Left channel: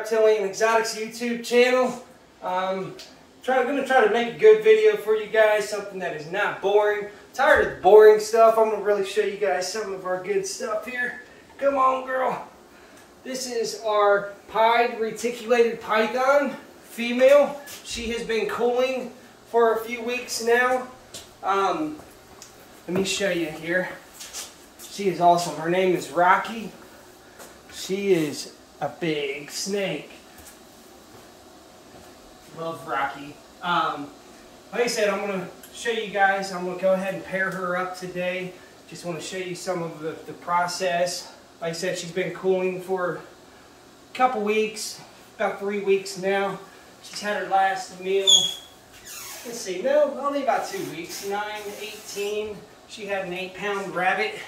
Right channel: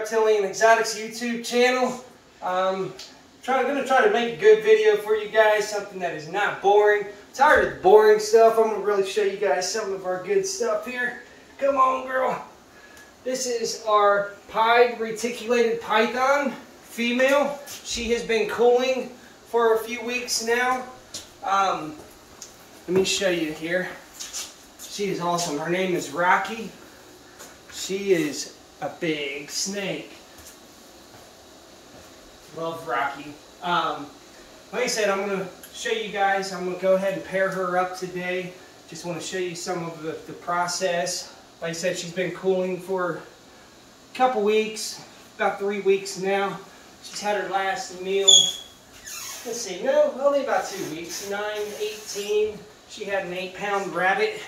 Reptilian Exotics YouTube channel. I'm gonna try to make a good video for you guys, something that is not boring. Tired of the boring stuff. I'm gonna really show you guys some of our good stuff here. Come on, girl. This is our pied reticulated python female. She has been cooling for a few weeks now. Let me show you here. She is awesome. Her name is Rocky. She is a big snake. Love Rocky. Like I said, I'm going to show you guys. I'm going to go ahead and pair her up today. Just want to show you some of the process. Like I said, she's been cooling for a couple weeks, about 3 weeks now. She's had her last meal. Let's see, no, only about 2 weeks. 9/18. She had an 8-pound rabbit.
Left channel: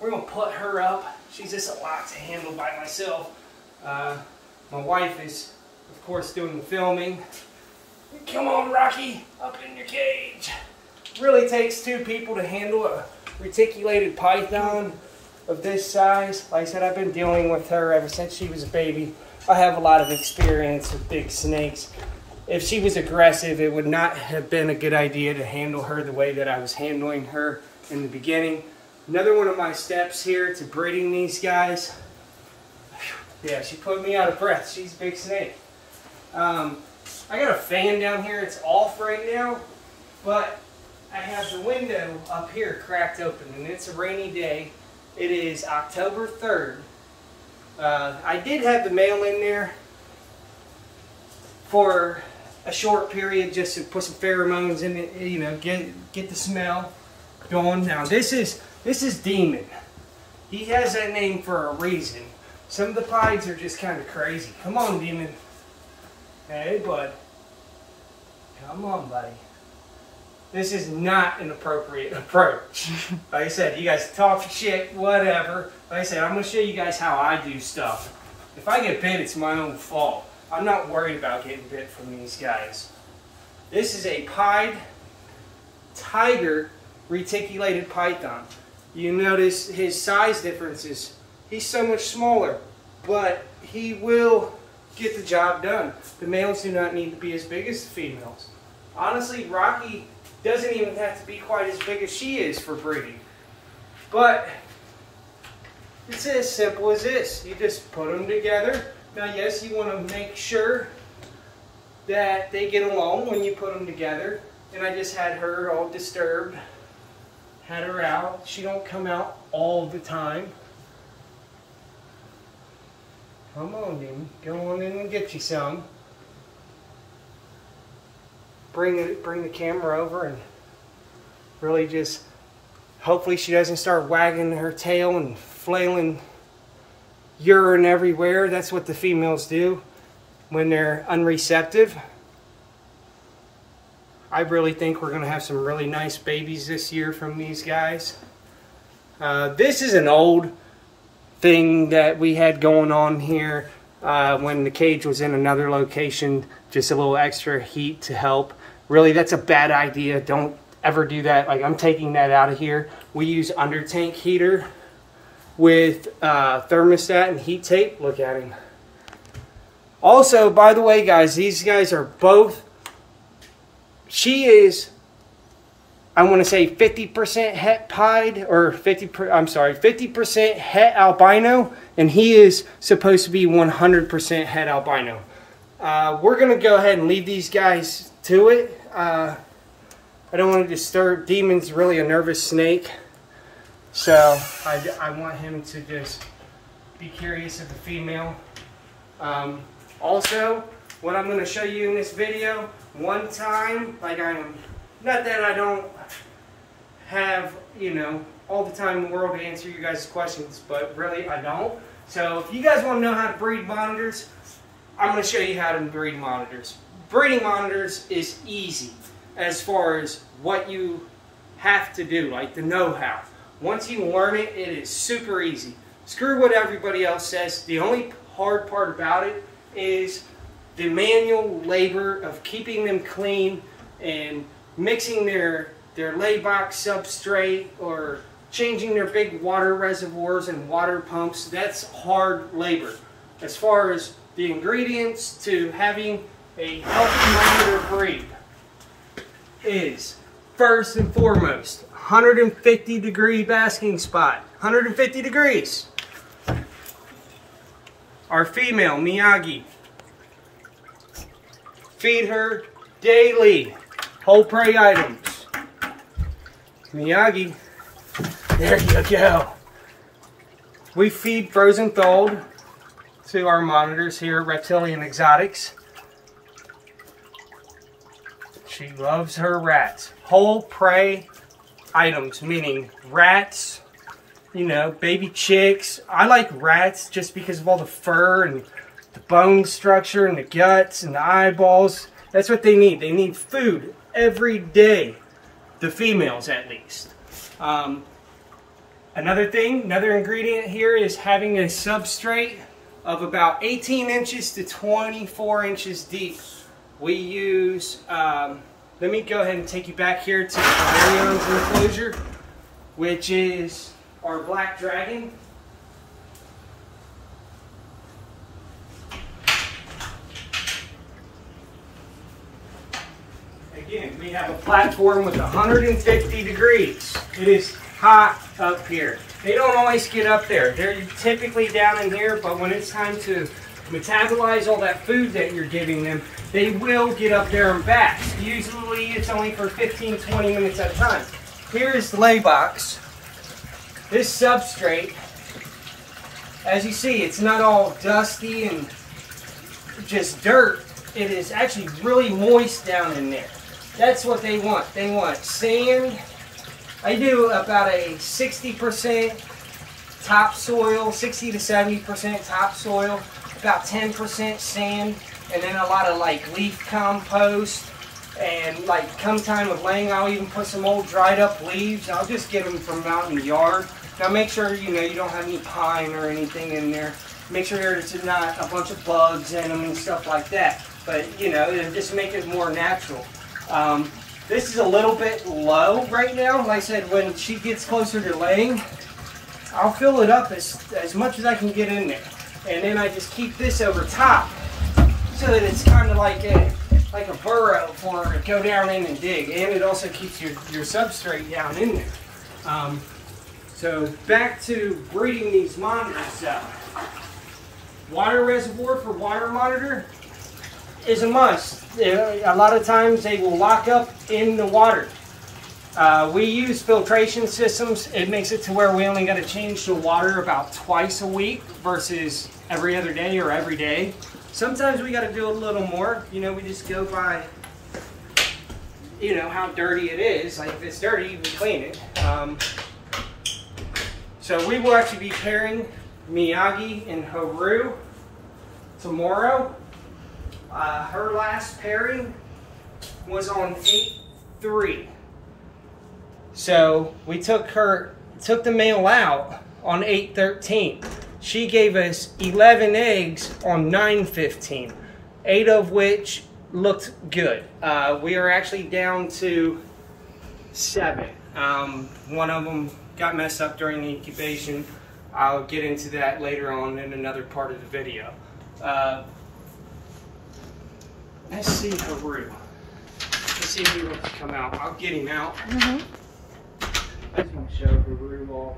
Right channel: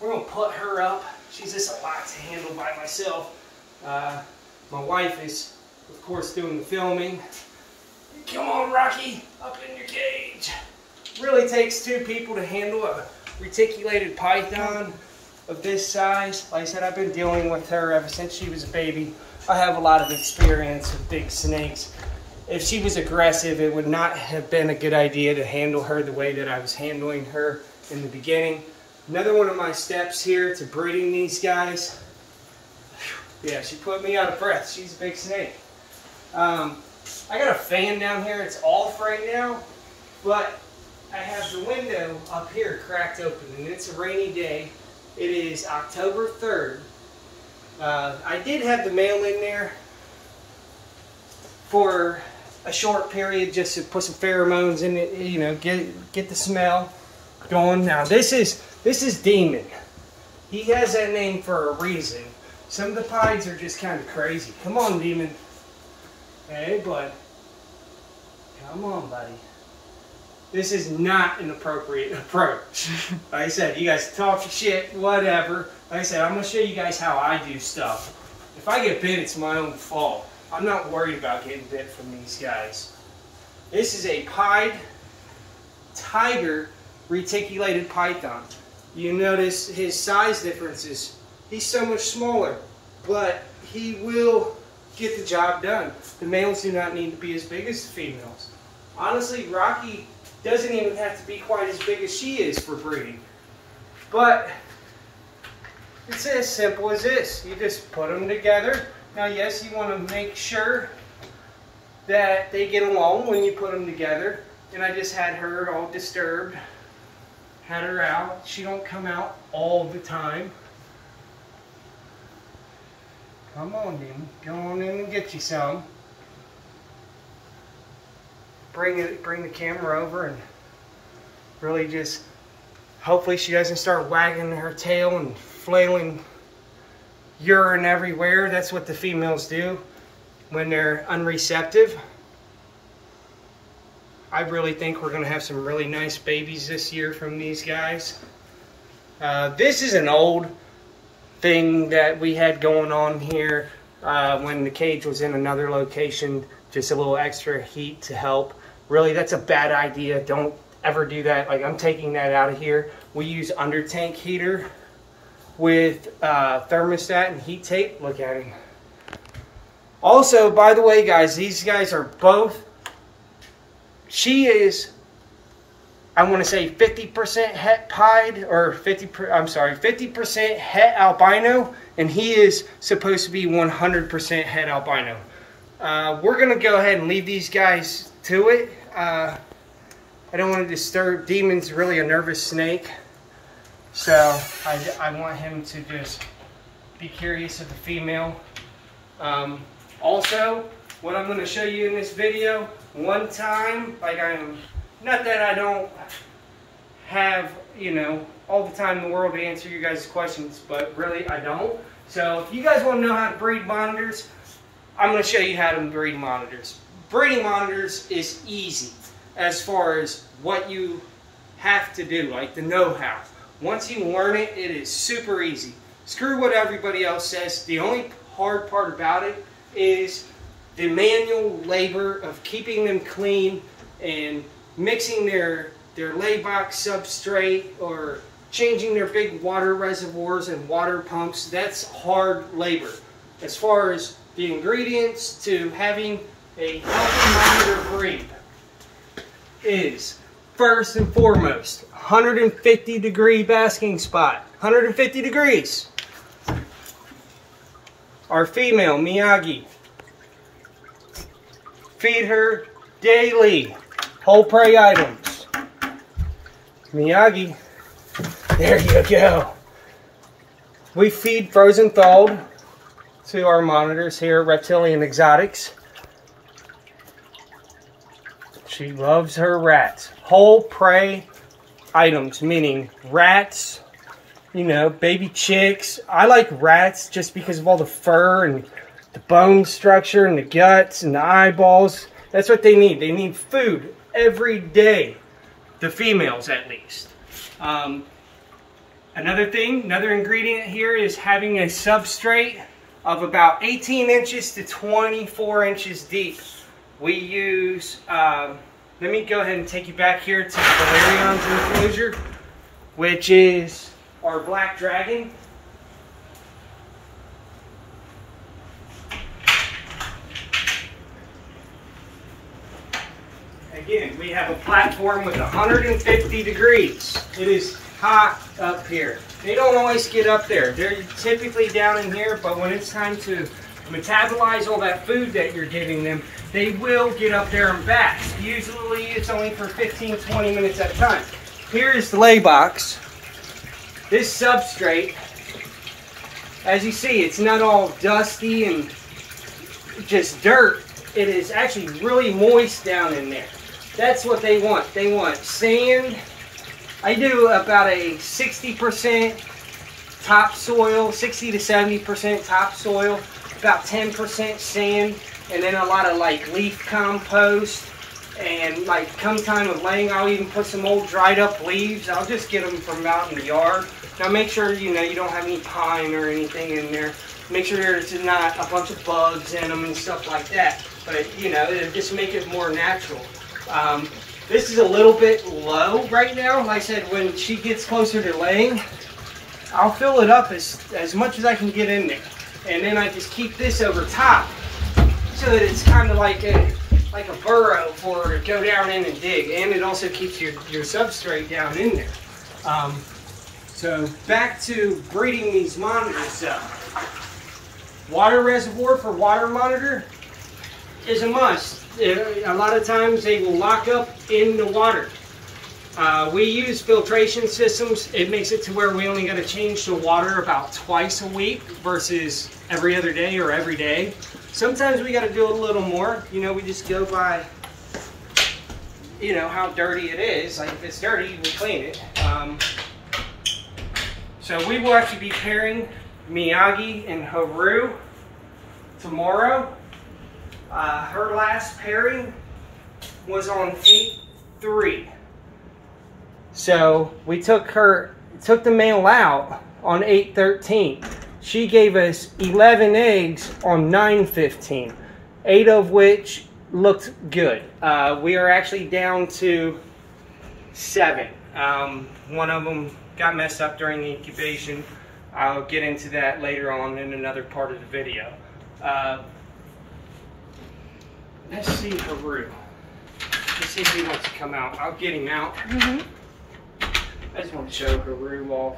We're going to put her up. She's just a lot to handle by myself. My wife is, of course, doing the filming. Come on, Rocky, up in your cage. Really takes 2 people to handle a reticulated python of this size. Like I said, I've been dealing with her ever since she was a baby. I have a lot of experience with big snakes. If she was aggressive, it would not have been a good idea to handle her the way that I was handling her in the beginning. Another one of my steps here to breeding these guys. Yeah, she put me out of breath. She's a big snake. I got a fan down here. It's off right now, but I have the window up here cracked open, and it's a rainy day. It is October 3rd. I did have the male in there for a short period just to put some pheromones in it, you know, get the smell going. Now this is Demon. He has that name for a reason. Some of the pieds are just kind of crazy. Come on, Demon. Hey, bud. Come on, buddy. This is not an appropriate approach. Like I said, you guys talk shit, whatever. Like I said, I'm going to show you guys how I do stuff. If I get bit, it's my own fault. I'm not worried about getting bit from these guys. This is a pied tiger reticulated python. You notice his size differences. He's so much smaller, but he will get the job done. The males do not need to be as big as the females. Honestly, Rocky doesn't even have to be quite as big as she is for breeding. But it's as simple as this. You just put them together. Now, yes, you want to make sure that they get along when you put them together. And I just had her all disturbed. Had her out. She don't come out all the time. Come on, then. Go on in and get you some. Bring the camera over and really just, hopefully she doesn't start wagging her tail and flailing urine everywhere. That's what the females do when they're unreceptive. I really think we're going to have some really nice babies this year from these guys. This is an old thing that we had going on here when the cage was in another location, just a little extra heat to help. Really, that's a bad idea. Don't ever do that. Like, I'm taking that out of here. We use under tank heater with thermostat and heat tape. Look at him. Also, by the way, guys, these guys are both, she is, I want to say 50% het pied, or 50% het albino, and he is supposed to be 100% het albino. We're going to go ahead and leave these guys to it. I don't want to disturb. Demon's really a nervous snake, so I want him to just be curious of the female. Also, what I'm going to show you in this video, one time, like not that I don't have, you know, all the time in the world to answer you guys' questions, but really I don't. So if you guys want to know how to breed monitors, I'm going to show you how to breed monitors. Breeding monitors is easy as far as what you have to do, like the know-how. Once you learn it, it is super easy. Screw what everybody else says. The only hard part about it is the manual labor of keeping them clean and mixing their laybox substrate or changing their big water reservoirs and water pumps. That's hard labor. As far as the ingredients to having a healthy monitor breed is, first and foremost, 150 degree basking spot. 150 degrees. Our female, Miyagi. Feed her daily whole prey items. Miyagi, there you go. We feed frozen thawed to our monitors here at Reptilian Exotics. She loves her rats. Whole prey items, meaning rats, you know, baby chicks. I like rats just because of all the fur and the bone structure and the guts and the eyeballs. That's what they need. They need food every day. The females, at least. Another thing, another ingredient here is having a substrate of about 18 inches to 24 inches deep. We use, let me go ahead and take you back here to the Valerion's enclosure, which is our black dragon. Again, we have a platform with 150 degrees. It is hot up here. They don't always get up there. They're typically down in here, but when it's time to metabolize all that food that you're giving them, they will get up there and back. Usually it's only for 15-20 minutes at a time. Here is the lay box. This substrate, as you see, it's not all dusty and just dirt. It is actually really moist down in there. That's what they want. They want sand. I do about a 60% topsoil, 60 to 70% topsoil, about 10% sand, and then a lot of like leaf compost. And like come time of laying, I'll even put some old dried up leaves. I'll just get them from out in the yard. Now make sure you don't have any pine or anything in there. Make sure there's not a bunch of bugs in them and stuff like that. But it'll just make it more natural. This is a little bit low right now. Like I said, when she gets closer to laying, I'll fill it up as much as I can get in there. And then I just keep this over top so that it's kind of like a burrow for her to go down in and dig. And it also keeps your substrate down in there. So back to breeding these monitors up. Water reservoir for water monitor is a must. A lot of times they will lock up in the water. We use filtration systems. It makes it to where we only got to change the water about twice a week versus every other day or every day. Sometimes we got to do a little more. We just go by, how dirty it is. Like if it's dirty, we clean it. So we will actually be pairing Miyagi and Haru tomorrow. Her last pairing was on 8-3. So we took the male out on 8-13. She gave us 11 eggs on 9-15, 8 of which looked good. We are actually down to 7. One of them got messed up during the incubation. I'll get into that later on in another part of the video. Let's see Haru. Let's see if he wants to come out. I'll get him out. I just want to show Haru off.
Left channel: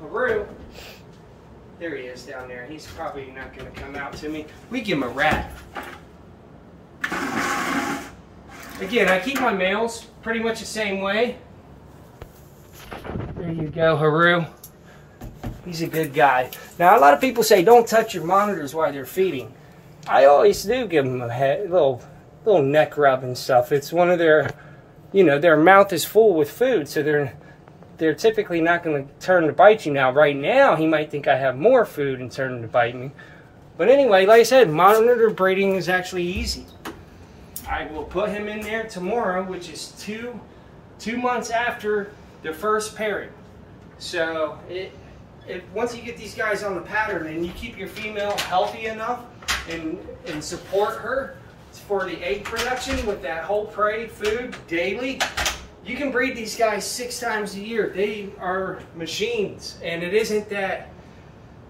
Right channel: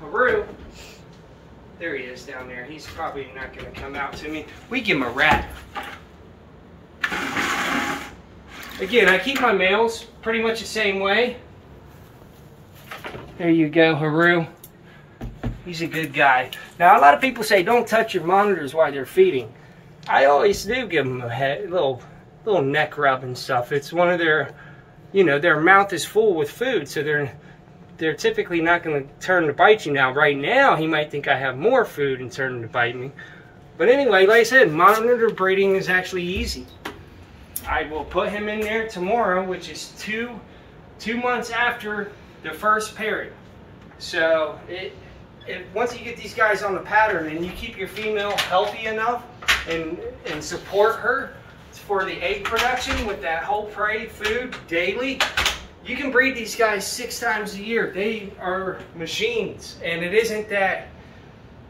Haru, there he is down there. He's probably not going to come out to me. We give him a rat. Again, I keep my males pretty much the same way. There you go, Haru. He's a good guy. Now, a lot of people say don't touch your monitors while they're feeding. I always do give them a little neck rub and stuff. It's one of their, their mouth is full with food, so they're typically not going to turn to bite you. Now, right now, he might think I have more food and turn to bite me. But anyway, like I said, monitor breeding is actually easy. I will put him in there tomorrow, which is two months after the first pairing. So once you get these guys on the pattern and you keep your female healthy enough and support her for the egg production with that whole prey food daily, you can breed these guys 6 times a year. They are machines, and it isn't that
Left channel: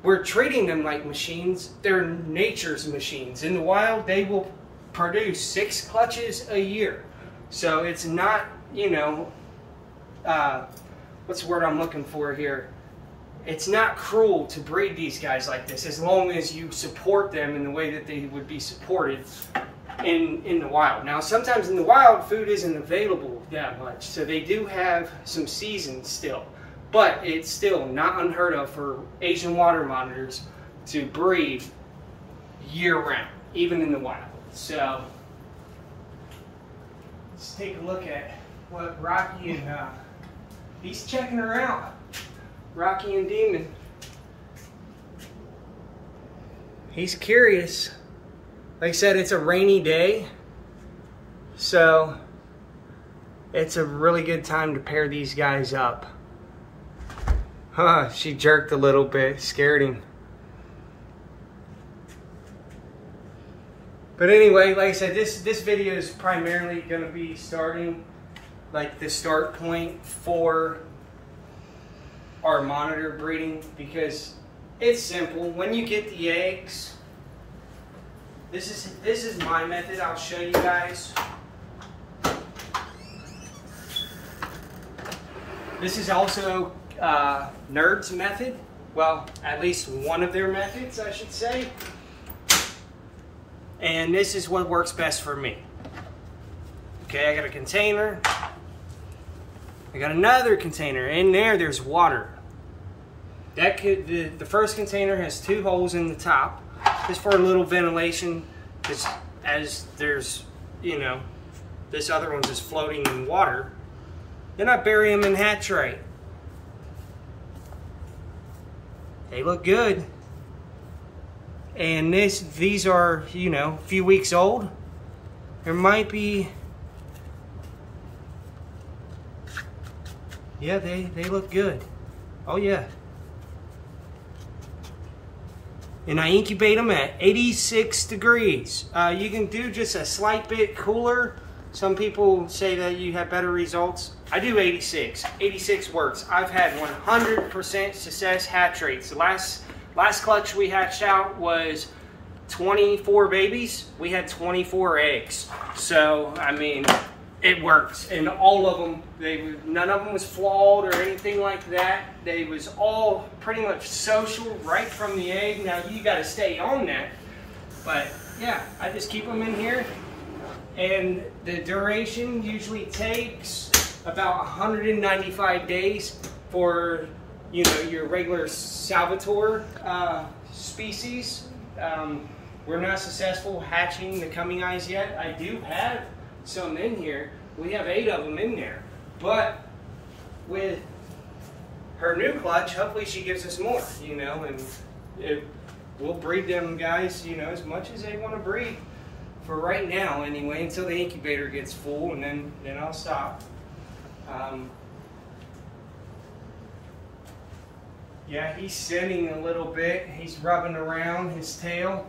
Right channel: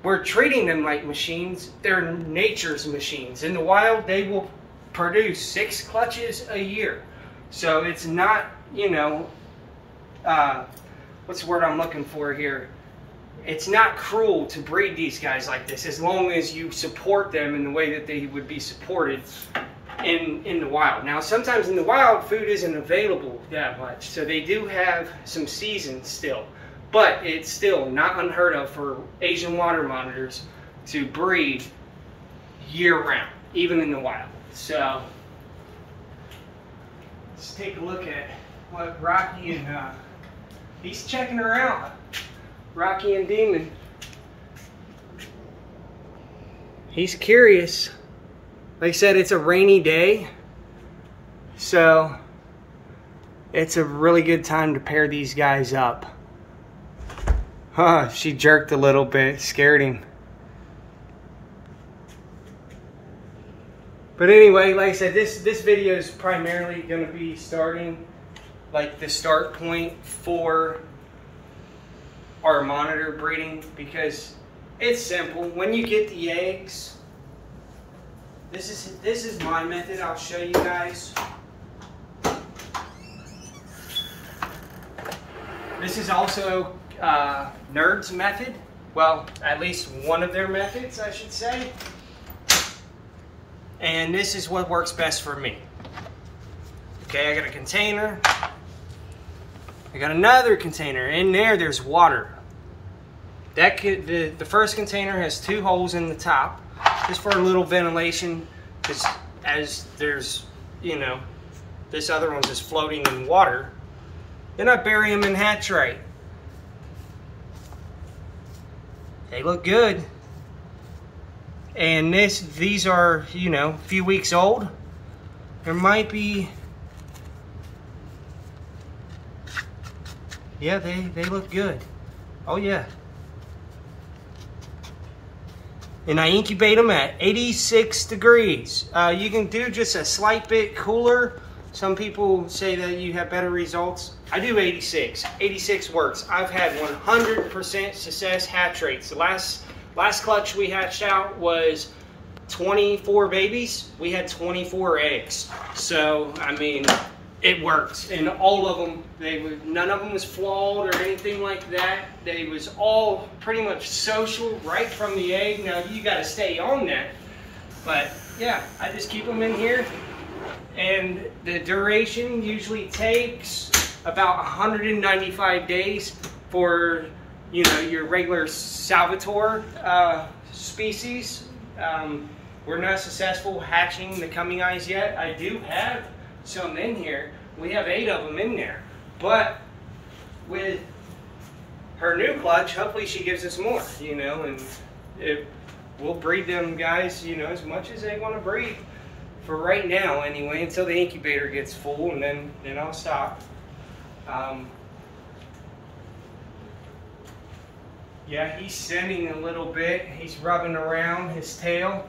we're treating them like machines. They're nature's machines. In the wild, they will produce 6 clutches a year. So it's not, you know, what's the word I'm looking for here? It's not cruel to breed these guys like this, as long as you support them in the way that they would be supported in the wild. Now, sometimes in the wild, food isn't available that much, so they do have some seasons still. But it's still not unheard of for Asian water monitors to breed year-round, even in the wild. So let's take a look at what Rocky and he's checking her out. Rocky and Demon. He's curious. They said it's a rainy day, so it's a really good time to pair these guys up. Huh, she jerked a little bit, scared him. But anyway, like I said, this video is primarily going to be starting, like, the start point for our monitor breeding, because it's simple. When you get the eggs, this is my method. I'll show you guys. This is also Nerd's method. Well, at least one of their methods, I should say. And this is what works best for me. Okay, I got a container. I got another container. In there, there's water. The first container has 2 holes in the top, just for a little ventilation, because as there's, you know, this other one's just floating in water. Then I bury them in hatch right. They look good. And these are, you know, a few weeks old. There might be, yeah, they look good. Oh yeah. And I incubate them at 86 degrees. You can do just a slight bit cooler. Some people say that you have better results. I do 86. 86 works. I've had 100% success hatch rates. The last clutch we hatched out was 24 babies. We had 24 eggs. So, I mean, it worked. And all of them, none of them was flawed or anything like that. They was all pretty much social right from the egg. Now, you got to stay on that. But, yeah, I just keep them in here. And the duration usually takes about 195 days for, you know, your regular Salvatore species. We're not successful hatching the coming eyes yet. I do have some in here. We have 8 of them in there. But with her new clutch, hopefully she gives us more, you know, and we'll breed them guys, you know, as much as they want to breed. For right now, anyway, until the incubator gets full, and then I'll stop. Yeah, he's sinning a little bit. He's rubbing around his tail.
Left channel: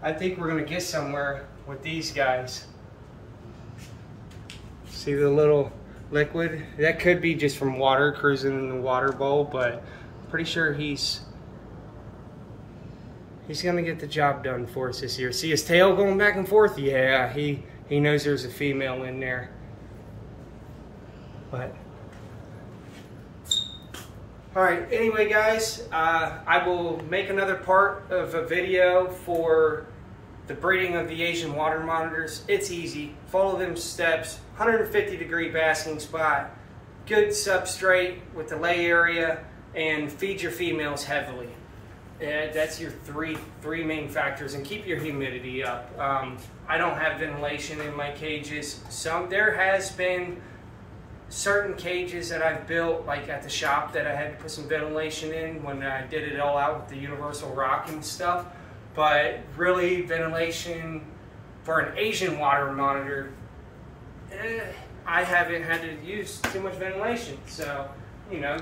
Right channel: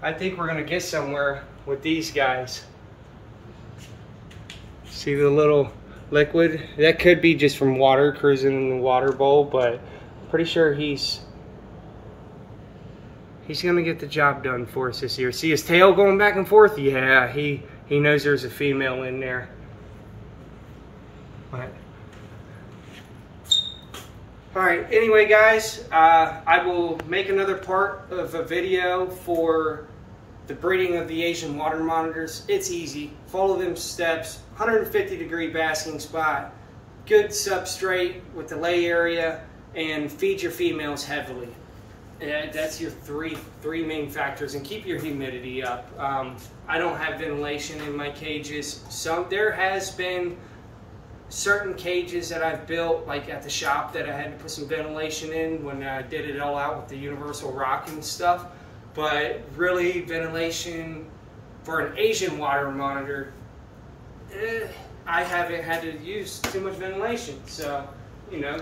I think we're gonna get somewhere with these guys. See the little liquid? That could be just from water cruising in the water bowl, but I'm pretty sure he's gonna get the job done for us this year. See his tail going back and forth? Yeah, he knows there's a female in there. But all right, anyway guys, I will make another part of a video for the breeding of the Asian water monitors. It's easy. Follow them steps. 150-degree basking spot, good substrate with the lay area, and feed your females heavily. That's your three main factors, and keep your humidity up. I don't have ventilation in my cages. There has been certain cages that I've built, like at the shop, that I had to put some ventilation in when I did it all out with the universal rock and stuff. But really, ventilation for an Asian water monitor, I haven't had to use too much ventilation. So, you know,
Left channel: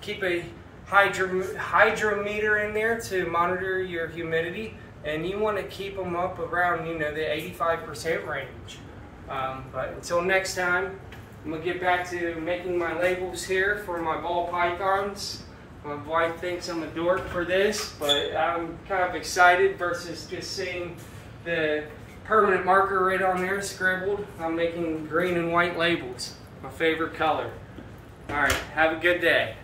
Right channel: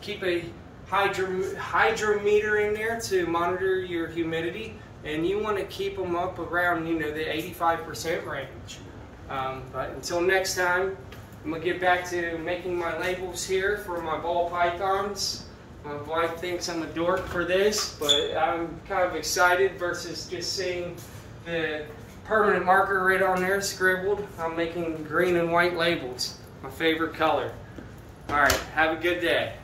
keep a hydrometer in there to monitor your humidity, and you want to keep them up around, you know, the 85% range. But until next time, I'm gonna get back to making my labels here for my ball pythons, My wife thinks I'm a dork for this, but I'm kind of excited versus just seeing the permanent marker right on there scribbled. I'm making green and white labels, my favorite color. All right, have a good day.